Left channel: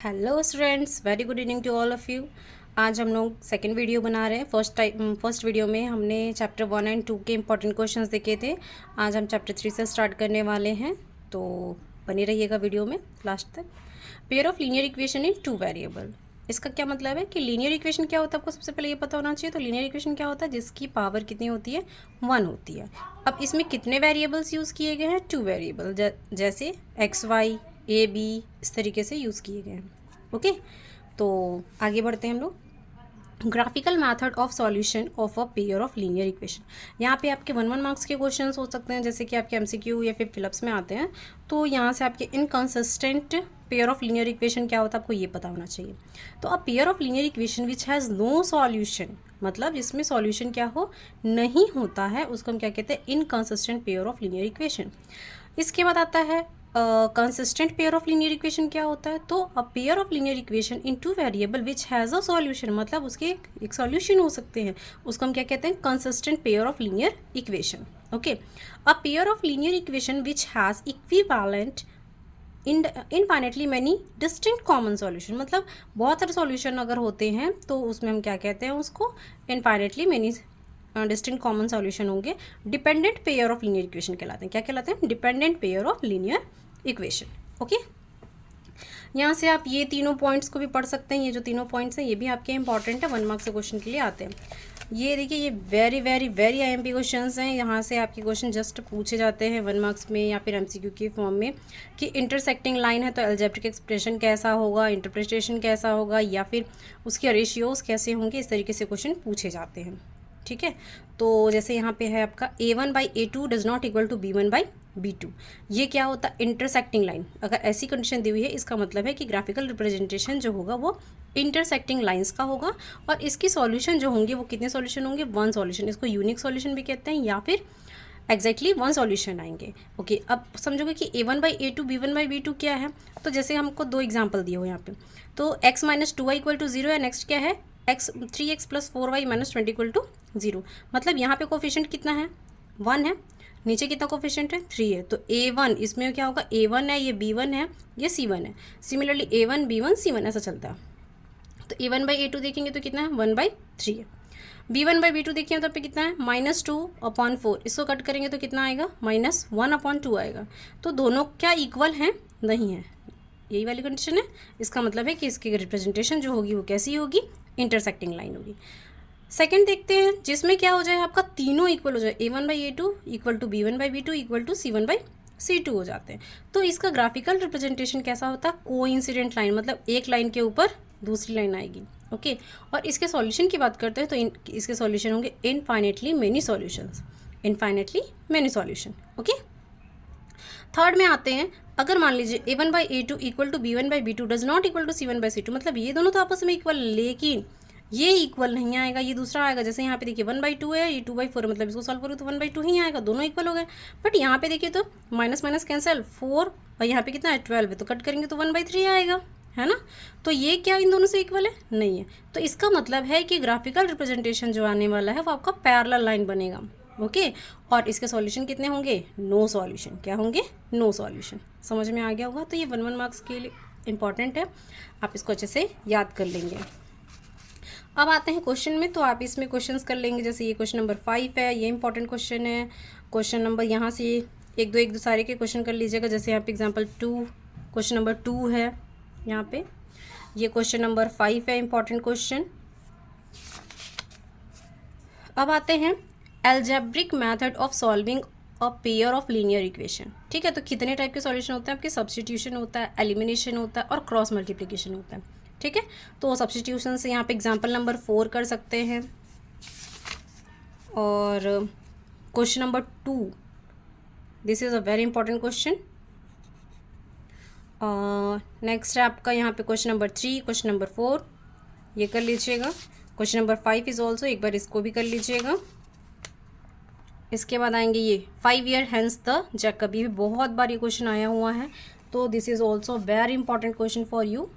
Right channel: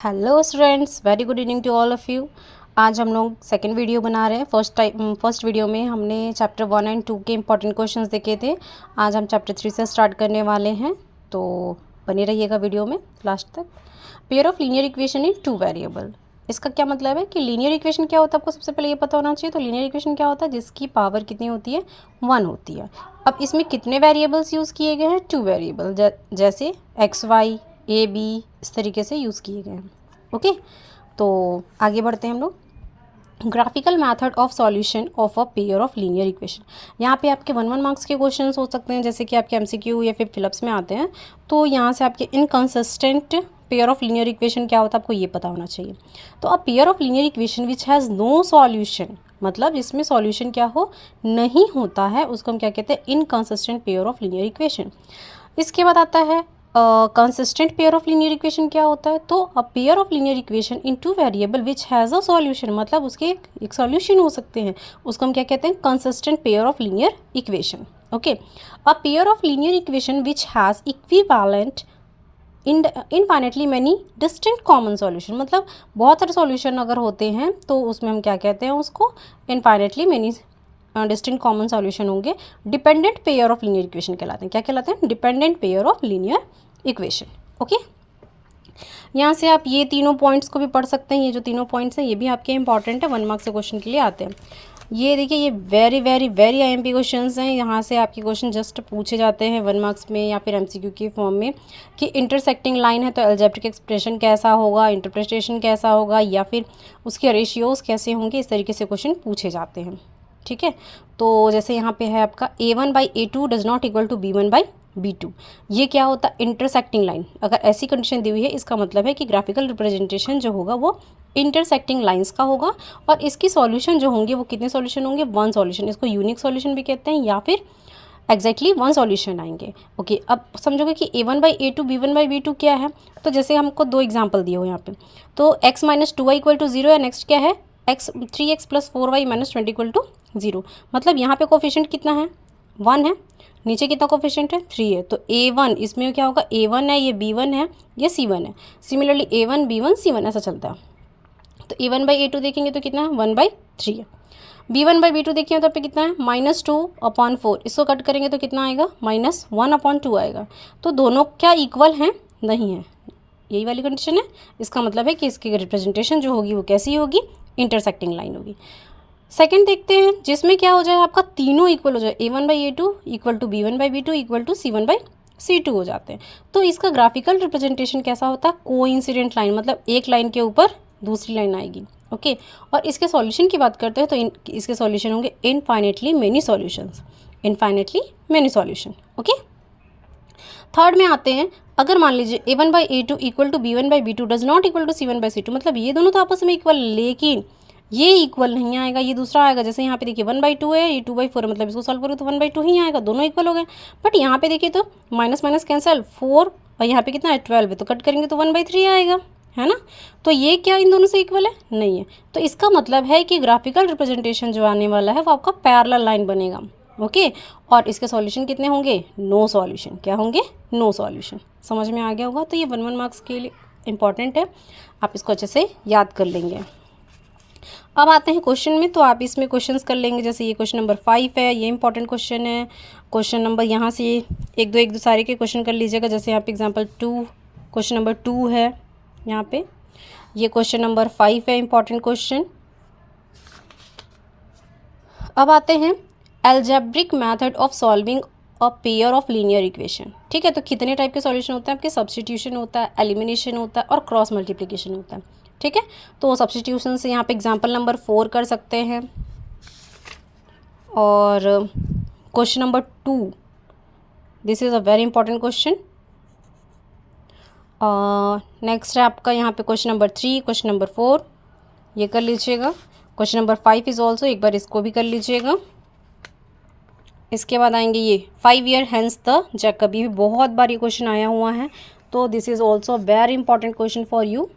Hello students, very good evening to all of you. आज हम लोग सेकंड वीडियो बना रहे हैं। फर्स्ट वीडियो में हमने चैप्टर 1 एंड 2 के इंपॉर्टेंट क्वेश्चंस देखे थे। आज हम चैप्टर 3 से स्टार्ट करने वाले हैं, तो बने रहिएगा वीडियो में लास्ट तक। Pair of linear equation in two variable, इसका क्या मतलब है कि लीनियर इक्वेशन क्या होता है आपको सबसे पहले ये पता होना चाहिए। तो लीनियर इक्वेशन क्या होता है, जिसकी पावर कितनी होती है, 1 होती है। अब इसमें कितने वेरिएबल्स यूज़ किए गए हैं, 2 वेरिएबल, जैसे एक्स वाई ए बी, इस तरीके से यूज़ किए गए हैं। ओके, तो आगे बढ़ते हैं हम लोग। Graphical method of solution of a pair of linear equation. यहाँ पे आपके 1 मार्क्स के क्वेश्चंस हो सकते हैं, जैसे कि आपके एमसीक्यू या फिर फिलिप्स में आते हैं। तो यहाँ से आपके inconsistent pair of linear equation क्या होता है आपको ये पता होना चाहिए। तो a pair of linear equation which has no solution, मतलब जिसमें सॉल्यूशन क्या हो, नहीं होता है, उसको हम क्या कहते हैं, inconsistent pair of linear equation. इसके बाद आता है consistent pair of linear equation. क्या होता है, तो a pair of linear equation in two variable which has a solution, मतलब उसके एक सॉल्यूशन हो सकते हैं, उसको हम क्या कहते हैं, consistent pair of linear equation. Okay, a pair of linear equation which has equivalent infinitely many distinct common solution, मतलब बहुत सारे सॉल्यूशन अगर होते हैं तो उसमें हम क्या कहते हैं, उसको infinitely many distinct common solution होंगे। Dependent pair of linear equation कहलाते हैं। क्या कहलाते हैं, dependent pair of linear equation. Okay, यहाँ से आप ये तीनों पॉइंट्स को भी पढ़ सकते हैं। ये जो तीनों पॉइंट्स हैं ये भी आपके इंपॉर्टेंट है, 1 मार्क्स के क्वेश्चन के लिए आते हैं। ये देखिए, ये very very very IMP questions हैं। यहाँ से आपके क्वेश्चन जस्ट पूछे जाते हैं 1 मार्क्स में या फिर एमसीक्यू के फॉर्म में, कि इंटरसेक्टिंग लाइन है तो अलजेब्रिक एक्सप्रेशन कैसा होगा, इंटरप्रिटेशन कैसा होगा, या फिर उसके रेशियोज कैसे होंगे, इस तरीके से क्वेश्चन पूछे जाते हैं। ठीक है, तो जैसे यहाँ पे है आपका A1/A2 does not equal to B1/B2। ये क्या होता है, इंटरसेक्टिंग लाइन। अगर ऐसी कंडीशन दी हुई है, इसका मतलब है कि ग्राफिकल रिप्रेजेंटेशन जो होगा वो इंटरसेक्टिंग लाइंस का होगा, और इसकी सॉल्यूशन जो होंगे वो कितने सॉल्यूशन होंगे, 1 सॉल्यूशन। इसको यूनिक सॉल्यूशन भी कहते हैं, या फिर एग्जैक्टली 1 सॉल्यूशन आएंगे। ओके, अब समझोगे कि A1/A2 B1/B2 क्या है। तो जैसे हमको 2 एग्जाम्पल दिए हो यहाँ पे, तो x - 2y इक्वल टू 0 है। नेक्स्ट क्या है, 3x + 4y - 20 इक्वल टू 0। मतलब यहाँ पे कोफिशिएंट कितना है, 1 है। नीचे कितना कोफिशिएंट है, 3 है। तो A1 इसमें क्या होगा, A1 है, ये B1 है, ये C1 है। सिमिलरली A1 B1 C1 ऐसा चलता है। तो A1/A2 देखेंगे तो कितना है, 1/3 है। B1/B2 देखिए तो पे कितना है, -2/4। इसको कट करेंगे तो कितना आएगा, -1/2 आएगा। तो दोनों क्या इक्वल हैं, नहीं है, यही वाली कंडीशन है। इसका मतलब है कि इसकी रिप्रेजेंटेशन जो होगी वो कैसी होगी, इंटरसेक्टिंग लाइन होगी। सेकंड देखते हैं, जिसमें क्या हो जाए, आपका तीनों इक्वल हो जाए, A1/A2 equal to B1/B2 equal to C1/C2 हो जाते हैं। तो इसका ग्राफिकल रिप्रेजेंटेशन कैसा होता है, कोइंसिडेंट लाइन, मतलब एक लाइन के ऊपर दूसरी लाइन आएगी। ओके, और इसके सॉल्यूशन की बात करते हैं तो इसके सॉल्यूशन होंगे infinitely many solutions, infinitely many solution. Okay, third में आते हैं, अगर मान लीजिए A1/A2 equal to B1/B2 does not equal to C1/C2, मतलब ये दोनों तो आपस में इक्वल, लेकिन ये इक्वल नहीं आएगा, ये दूसरा आएगा। जैसे यहाँ पे देखिए 1/2 है, ये 2/4 है, मतलब इसको सॉल्व करो तो 1/2 ही आएगा, दोनों इक्वल हो गए। बट यहाँ पे देखिए तो माइनस माइनस कैंसिल, 4, और यहाँ पे कितना है, 12 है, तो कट करेंगे तो 1/3 आएगा, है ना। तो ये क्या इन दोनों से इक्वल है, नहीं है। तो इसका मतलब है कि ग्राफिकल रिप्रेजेंटेशन जो आने वाला है वो आपका पैरेलल लाइन बनेगा। ओके, और इसके सॉल्यूशन कितने होंगे, नो सॉल्यूशन। क्या होंगे, नो सॉल्यूशन। समझ में आ गया होगा। तो ये 1 मार्क्स के लिए इंपॉर्टेंट है, आप इसको अच्छे से याद कर लेंगे। अब आते हैं क्वेश्चन में, तो आप इसमें क्वेश्चंस कर लेंगे। जैसे ये क्वेश्चन नंबर 5 है, ये इंपॉर्टेंट क्वेश्चन है। क्वेश्चन नंबर यहाँ से एक दो सारे के क्वेश्चन कर लीजिएगा। जैसे यहाँ पे एग्जाम्पल 2, क्वेश्चन नंबर 2 है यहाँ पे, ये क्वेश्चन नंबर 5 है, इंपॉर्टेंट क्वेश्चन। अब आते हैं algebraic method of solving a pair of linear equation. ठीक है, तो कितने टाइप के सॉल्यूशन होते हैं आपके, सब्स्टिट्यूशन होता है, एलिमिनेशन होता है, और क्रॉस मल्टीप्लिकेशन होता है। ठीक है, तो सब्स्टिट्यूशन से यहाँ पे एग्जांपल नंबर 4 कर सकते हैं। और question number 2, this is a very important question. Next है आपका यहाँ पे क्वेश्चन नंबर 3, क्वेश्चन नंबर 4, ये कर लीजिएगा। क्वेश्चन नंबर 5 इज़ ऑल्सो, एक बार इसको भी कर लीजिएगा। इसके बाद आएंगे ये 5 ईयर हैंस द जैकब, ये भी बहुत बार ये क्वेश्चन आया हुआ है, तो this is also very important question for you.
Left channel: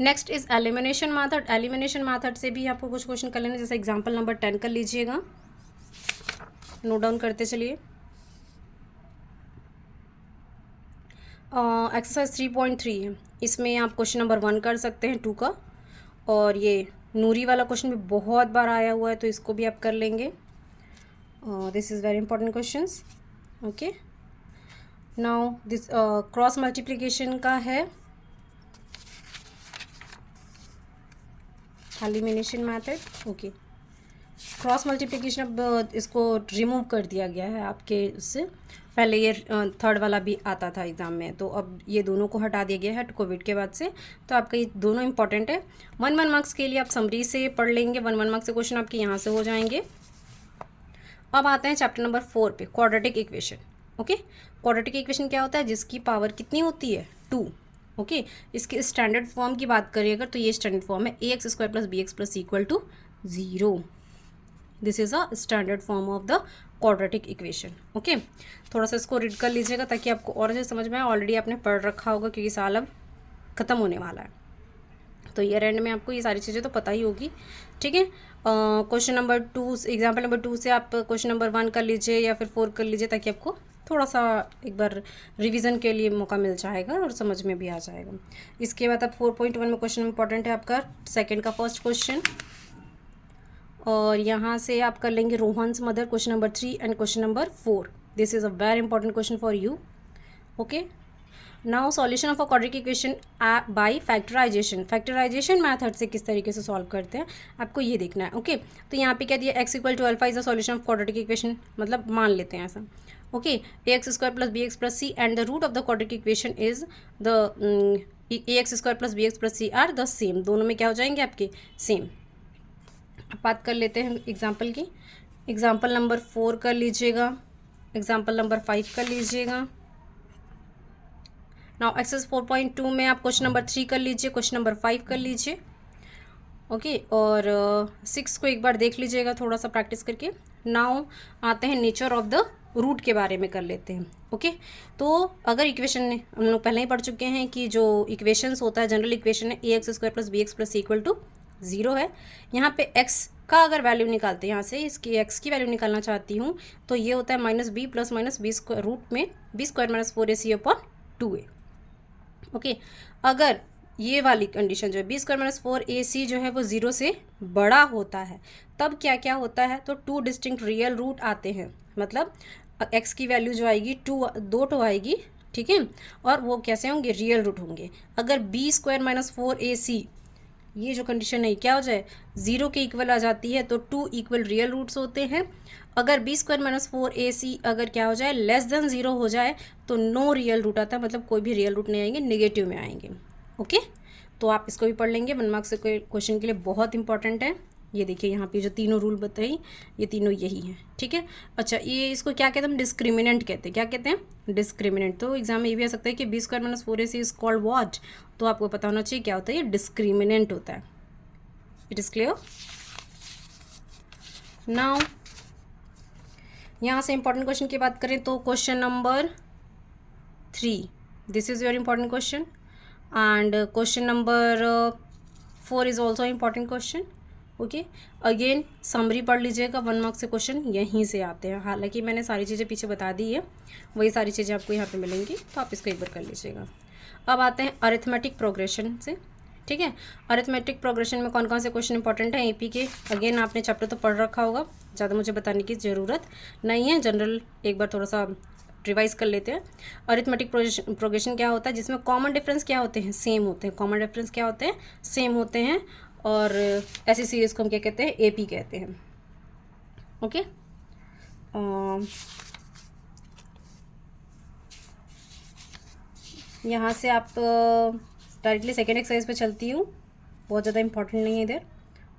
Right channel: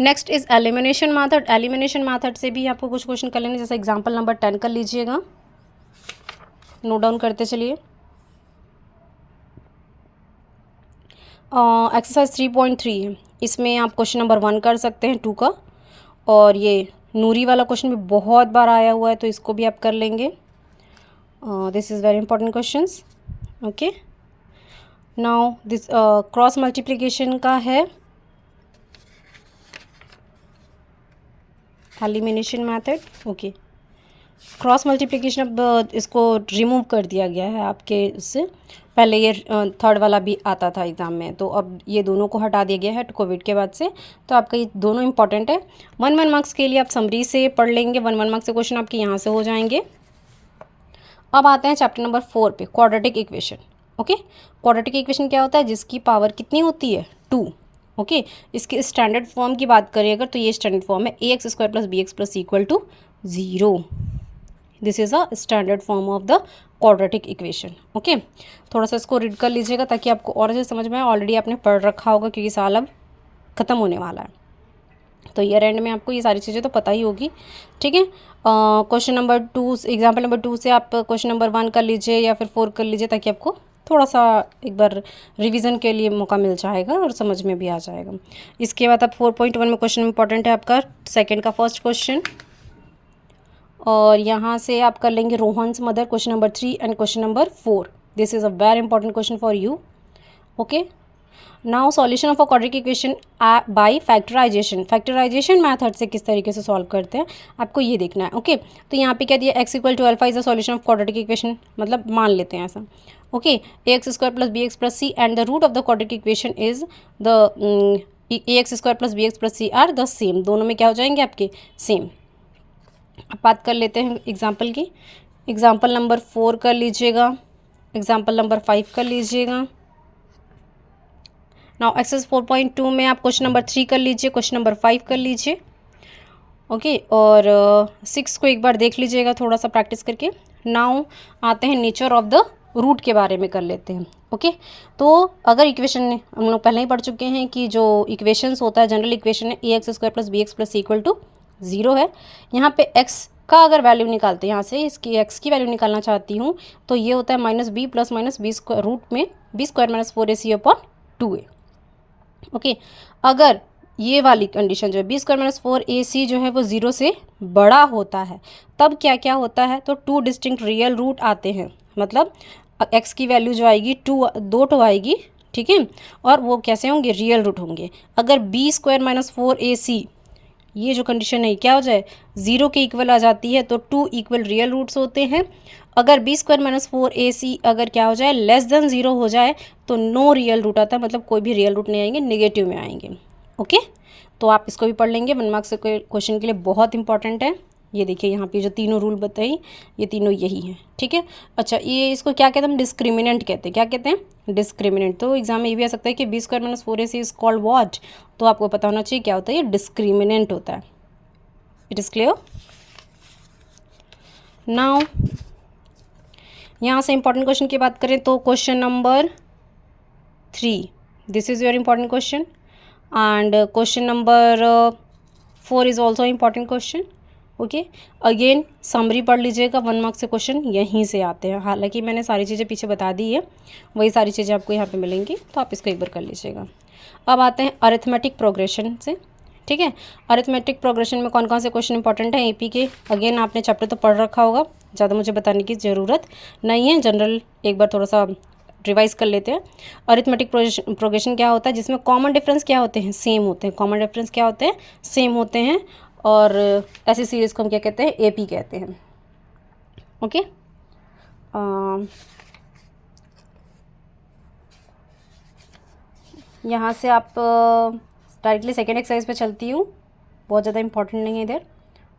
Next is elimination method. Elimination method से भी आपको कुछ क्वेश्चन कर लेने, जैसे एग्जांपल नंबर 10 कर लीजिएगा, नोट डाउन करते चलिए। एक्सरसाइज 3.3 है। इसमें आप क्वेश्चन नंबर 1 कर सकते हैं 2 का, और ये नूरी वाला क्वेश्चन भी बहुत बार आया हुआ है तो इसको भी आप कर लेंगे। This is very important questions. Okay, now this cross multiplication का है, elimination method. Okay, cross multiplication अब इसको रिमूव कर दिया गया है आपके उससे, पहले ये थर्ड वाला भी आता था एग्ज़ाम में, तो अब ये दोनों को हटा दिया गया है कोविड के बाद से। तो आपका ये दोनों इंपॉर्टेंट है। 1 मार्क्स के लिए आप समरी से पढ़ लेंगे, 1 मार्क्स से क्वेश्चन आपके यहाँ से हो जाएंगे। अब आते हैं चैप्टर नंबर 4 पे, quadratic equation. Okay, quadratic equation क्या होता है, जिसकी पावर कितनी होती है 2। ओके, इसके स्टैंडर्ड फॉर्म की बात करें अगर, तो ये स्टैंडर्ड फॉर्म है ax² + bx + equal to 0। This is a standard form of the quadratic equation. Okay, थोड़ा सा इसको रीड कर लीजिएगा ताकि आपको और अच्छे समझ में आए। ऑलरेडी आपने पढ़ रखा होगा क्योंकि साल अब ख़त्म होने वाला है, तो ईयर एंड में आपको ये सारी चीज़ें तो पता ही होगी। ठीक है, क्वेश्चन नंबर 2, एग्जाम्पल नंबर 2 से आप क्वेश्चन नंबर 1 कर लीजिए या फिर 4 कर लीजिए, ताकि आपको थोड़ा सा एक बार रिवीजन के लिए मौका मिल जाएगा और समझ में भी आ जाएगा। इसके बाद आप 4.1 में क्वेश्चन इंपॉर्टेंट है आपका सेकंड का फर्स्ट क्वेश्चन, और यहाँ से आप कर लेंगे Rohan's mother question number 3 and question number 4। This is a very important question for you. Okay, now solution of a quadratic equation by factorization. Factorization method से किस तरीके से सॉल्व करते हैं आपको ये देखना है। ओके, तो यहाँ पे क्या दिया, x = α is the solution of quadratic equation, मतलब मान लेते हैं ऐसा। Okay, ax² + bx + c and the root of the quadratic equation is the ax² + bx + c are the same. दोनों में क्या हो जाएंगे आपके सेम। अब बात कर लेते हैं एग्जाम्पल की। एग्जाम्पल नंबर 4 कर लीजिएगा, एग्जाम्पल नंबर 5 कर लीजिएगा। नाउ एक्सरसाइज 4.2 में आप क्वेश्चन नंबर 3 कर लीजिए, क्वेश्चन नंबर 5 कर लीजिए। ओके, और 6 को एक बार देख लीजिएगा थोड़ा सा प्रैक्टिस करके। नाउ आते हैं नेचर ऑफ द रूट के बारे में कर लेते हैं। ओके, तो अगर इक्वेशन हम लोग पहले ही पढ़ चुके हैं कि जो इक्वेशंस होता है जनरल इक्वेशन है ax² + bx + इक्वल टू 0 है। यहाँ पे x का अगर वैल्यू निकालते हैं, यहाँ से इसकी x की वैल्यू निकालना चाहती हूँ, तो ये होता है -b + -b² रूट में b² - 4ac/2a। ओके, अगर ये वाली कंडीशन जो है b² - 4ac जो है वो 0 से बड़ा होता है, तब क्या क्या होता है, तो 2 डिस्टिंक्ट रियल रूट आते हैं। मतलब x की वैल्यू जो आएगी 2 आएगी, ठीक है, और वो कैसे होंगे, रियल रूट होंगे। अगर b² - 4ac ये जो कंडीशन है क्या हो जाए, 0 के इक्वल आ जाती है, तो 2 इक्वल रियल रूट्स होते हैं। अगर b² - 4ac अगर क्या हो जाए, लेस देन 0 हो जाए, तो नो रियल रूट आता है, मतलब कोई भी रियल रूट नहीं आएंगे, नेगेटिव में आएंगे। ओके, तो आप इसको भी पढ़ लेंगे, 1 मार्क्स के क्वेश्चन के लिए बहुत इंपॉर्टेंट है। ये देखिए यहाँ पे जो तीनों रूल बताई, ये तीनों यही हैं। ठीक है, अच्छा, ये इसको क्या कहते हैं, हम डिस्क्रिमिनेंट कहते हैं। क्या कहते हैं, डिस्क्रिमिनेंट। तो एग्जाम में ये भी आ सकता है कि b² - 4ac is called what, तो आपको पता होना चाहिए क्या होता है, ये डिस्क्रिमिनेंट होता है। It is clear. नाउ यहाँ से इंपॉर्टेंट क्वेश्चन की बात करें तो question number 3, this is very important question, and question number 4 is also important question. Okay, again summary पढ़ लीजिएगा, 1 मार्क्स से क्वेश्चन यहीं से आते हैं। हालांकि मैंने सारी चीज़ें पीछे बता दी है, वही सारी चीज़ें आपको यहाँ पे मिलेंगी, तो आप इसको एक बार कर लीजिएगा। अब आते हैं अरिथमेटिक प्रोग्रेशन से। ठीक है, अरिथमेटिक प्रोग्रेशन में कौन कौन से क्वेश्चन इंपॉर्टेंट हैं एपी के, अगेन आपने चैप्टर तो पढ़ रखा होगा, ज़्यादा मुझे बताने की ज़रूरत नहीं है, जनरल एक बार थोड़ा सा रिवाइज कर लेते हैं। अरिथमेटिक प्रोग्रेशन क्या होता है, जिसमें कॉमन डिफरेंस क्या होते हैं, सेम होते हैं। कॉमन डिफरेंस क्या होते हैं, सेम होते हैं, और ऐसी सीरीज़ को हम क्या कहते हैं, एपी कहते हैं। ओके, यहाँ से आप डायरेक्टली सेकेंड एक्सरसाइज पे चलती हूँ, बहुत ज़्यादा इंपॉर्टेंट नहीं है इधर,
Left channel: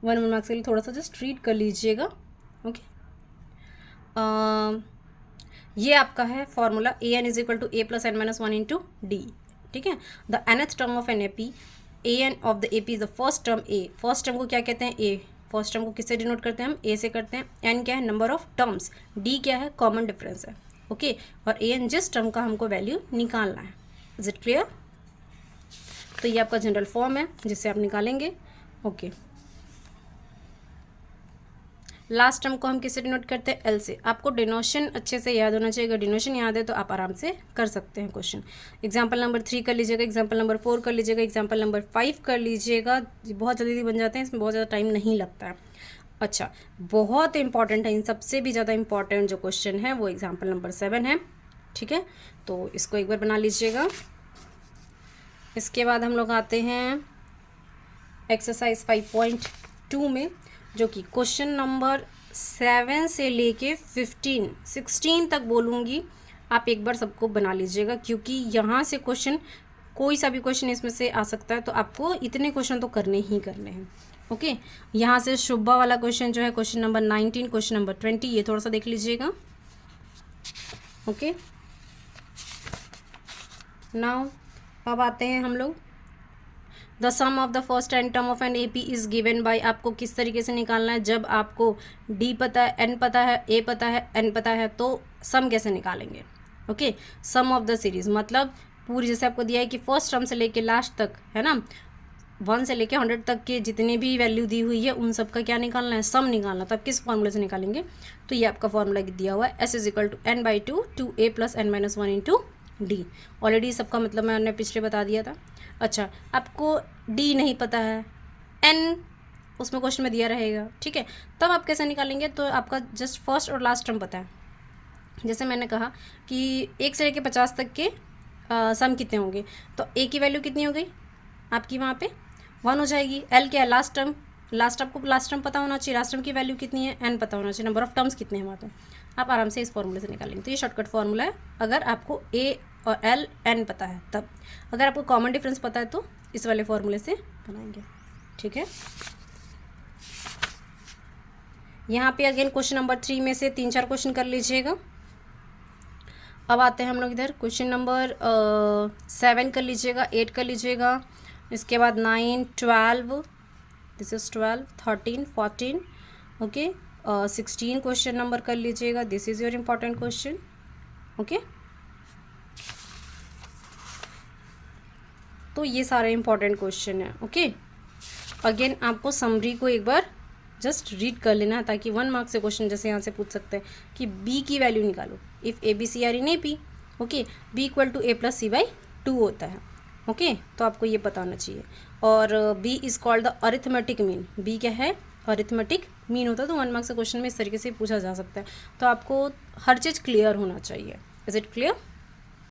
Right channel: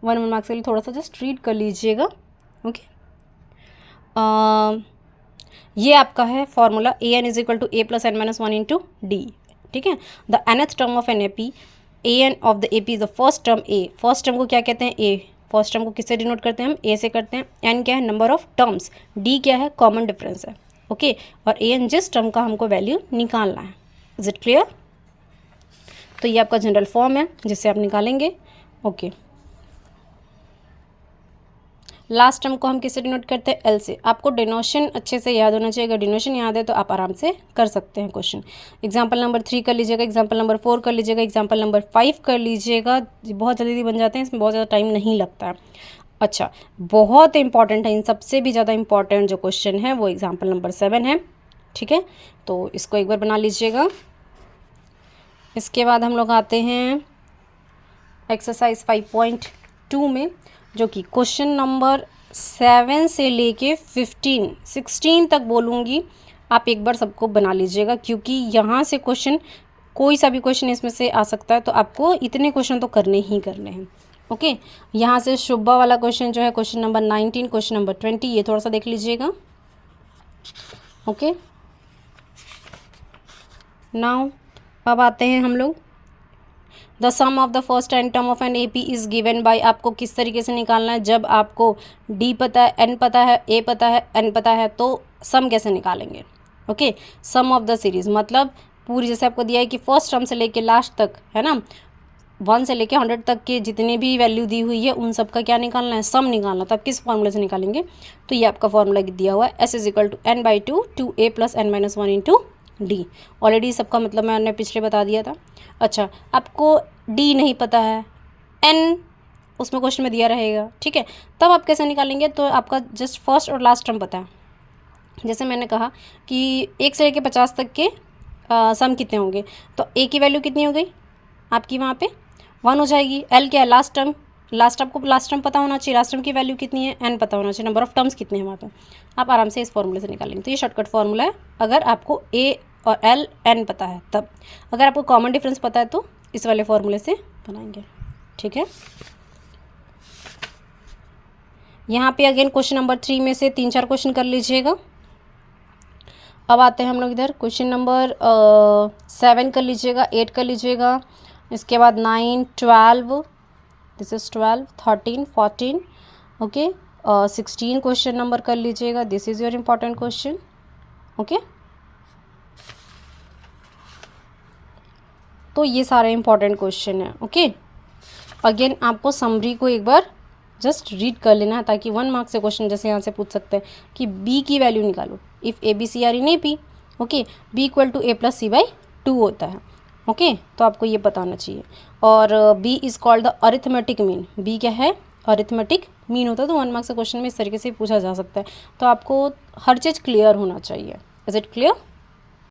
1 मार्क्स के लिए थोड़ा सा जस्ट रीड कर लीजिएगा। ओके, ये आपका है formula an = a + n - 1 × d। ठीक है, the nth term of an AP, an of the AP is the first term a। First term को क्या कहते हैं, a। फर्स्ट टर्म को किससे डिनोट करते हैं हम, a से करते हैं। n क्या है, नंबर ऑफ टर्म्स। d क्या है, कॉमन डिफरेंस है। ओके, और an जिस टर्म का हमको वैल्यू निकालना है। Is it clear. तो ये आपका जनरल फॉर्म है जिससे आप निकालेंगे। ओके, लास्ट टर्म को हम किससे डिनोट करते हैं, एल से। आपको डिनोशन अच्छे से याद होना चाहिए, अगर डिनोशन याद है तो आप आराम से कर सकते हैं क्वेश्चन। एग्जाम्पल नंबर 3 कर लीजिएगा, एग्जाम्पल नंबर 4 कर लीजिएगा, एग्जाम्पल नंबर 5 कर लीजिएगा, बहुत जल्दी बन जाते हैं, इसमें बहुत ज़्यादा टाइम नहीं लगता है। अच्छा, बहुत इंपॉर्टेंट है, इन सबसे भी ज़्यादा इंपॉर्टेंट जो क्वेश्चन है वो एग्जाम्पल नंबर 7 है, ठीक है। तो इसको एक बार बना लीजिएगा। इसके बाद हम लोग आते हैं एक्सरसाइज 5.2 में, जो कि क्वेश्चन नंबर 7 से लेके 16 तक बोलूँगी। आप एक बार सबको बना लीजिएगा, क्योंकि यहाँ से क्वेश्चन, कोई सा भी क्वेश्चन इसमें से आ सकता है, तो आपको इतने क्वेश्चन तो करने ही करने हैं। ओके, यहाँ से शुभा वाला क्वेश्चन जो है क्वेश्चन नंबर 19, क्वेश्चन नंबर 20, ये थोड़ा सा देख लीजिएगा। ओके, नाउ अब आते हैं हम लोग, the sum of the first n term of an A P is given by. आपको किस तरीके से निकालना है, जब आपको डी पता है, एन पता है, ए पता है, एन पता है, तो सम कैसे निकालेंगे। Okay, sum of the series मतलब पूरी, जैसे आपको दिया है कि फर्स्ट टर्म से लेके लास्ट तक, है ना, 1 से लेके 100 तक के जितने भी वैल्यू दी हुई है उन सब का क्या निकालना है, सम निकालना। तो आप किस फॉर्मूले से निकालेंगे, तो ये आपका फॉर्मूला दिया हुआ है, S is equal to n/2 2a + n-1 into D. Already सबका मतलब मैंने पिछले बता दिया था। अच्छा, आपको डी नहीं पता है, एन उसमें क्वेश्चन में दिया रहेगा, ठीक है, तब आप कैसे निकालेंगे, तो आपका जस्ट फर्स्ट और लास्ट टर्म पता है। जैसे मैंने कहा कि 1 से लेके 50 तक के सम कितने होंगे, तो ए की वैल्यू कितनी हो गई आपकी, वहाँ पे 1 हो जाएगी। एल क्या है, लास्ट टर्म, आपको लास्ट टर्म पता होना चाहिए, लास्ट टर्म की वैल्यू कितनी है, एन पता होना चाहिए, नंबर ऑफ टर्म्स कितने हैं वहाँ पे। आप आराम से इस फॉर्मूले से निकालेंगे। तो ये शॉर्टकट फॉर्मूला है, अगर आपको ए और एल एन पता है तब। अगर आपको कॉमन डिफरेंस पता है तो इस वाले फॉर्मूले से बनाएंगे, ठीक है। यहाँ पे अगेन क्वेश्चन नंबर 3 में से 3-4 क्वेश्चन कर लीजिएगा। अब आते हैं हम लोग इधर, क्वेश्चन नंबर 7 कर लीजिएगा, 8 कर लीजिएगा, इसके बाद 9, 12, this is 12, 13, 14, okay, 16 question number कर लीजिएगा, this is your important question. Okay, तो ये सारे इंपॉर्टेंट क्वेश्चन है। ओके, अगेन आपको समरी को एक बार जस्ट रीड कर लेना है, ताकि 1 मार्क्स से क्वेश्चन जैसे यहाँ से पूछ सकते हैं कि बी की वैल्यू निकालो, if A B C are in A P, okay, B equal to a + c/2 होता है। ओके, तो आपको ये पता होना चाहिए। और B is called the arithmetic mean, B क्या है, अरिथमेटिक मीन होता है। तो 1 मार्क्स से क्वेश्चन में इस तरीके से पूछा जा सकता है, तो आपको हर चीज़ क्लियर होना चाहिए। Is it clear.